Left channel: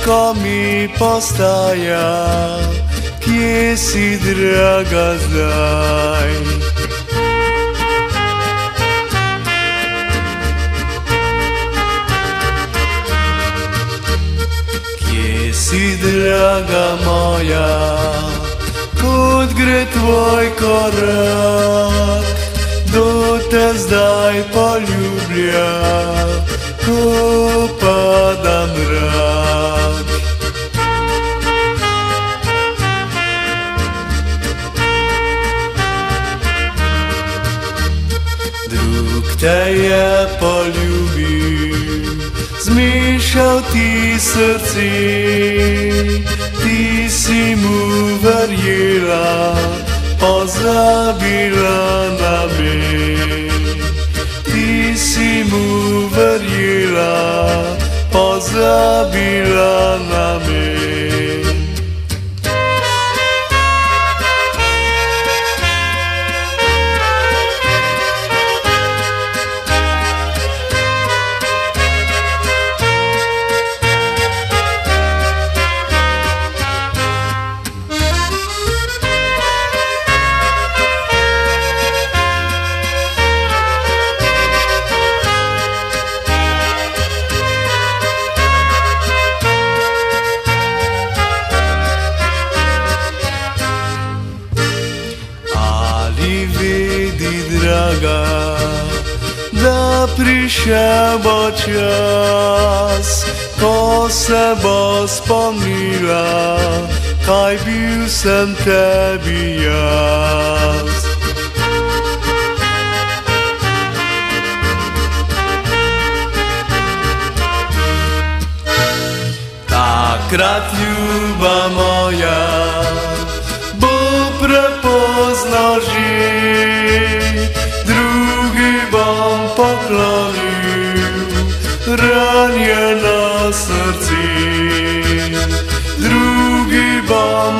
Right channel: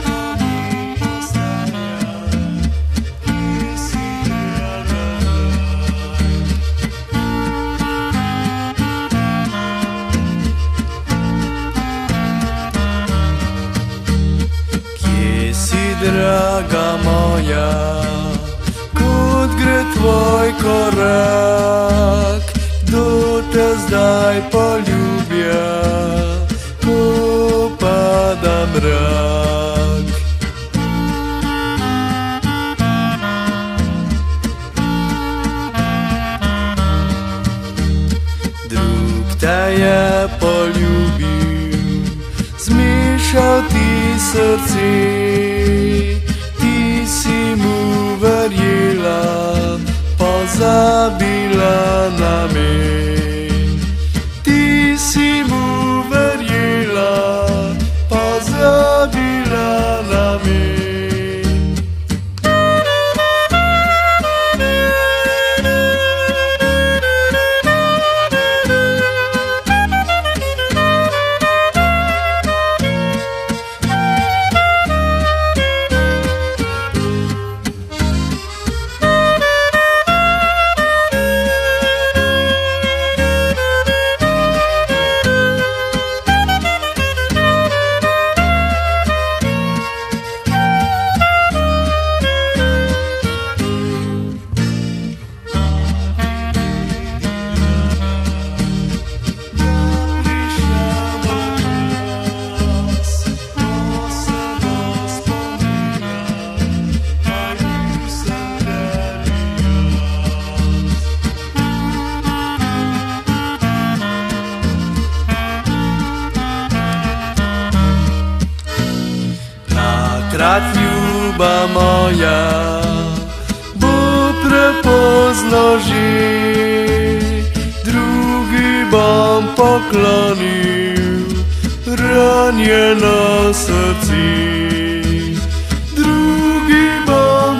Težko mi postaja, kje si, draga, zdaj? Kje si, draga moja, kot gre tvoj korak? Kdo te zdaj poljublja, ko pada mrak? Drug te je poljubil, zmešal ti srce, ti si mu verjela, pozabila na me. Ti si mu verjela, pozabila na me. Da prišel bo čas, ko se bo spomnila, kaj bil sem tebi jaz. Takrat, ljuba moja, bo prepoznal že, bom poklonil ranjeno srce, drugi bom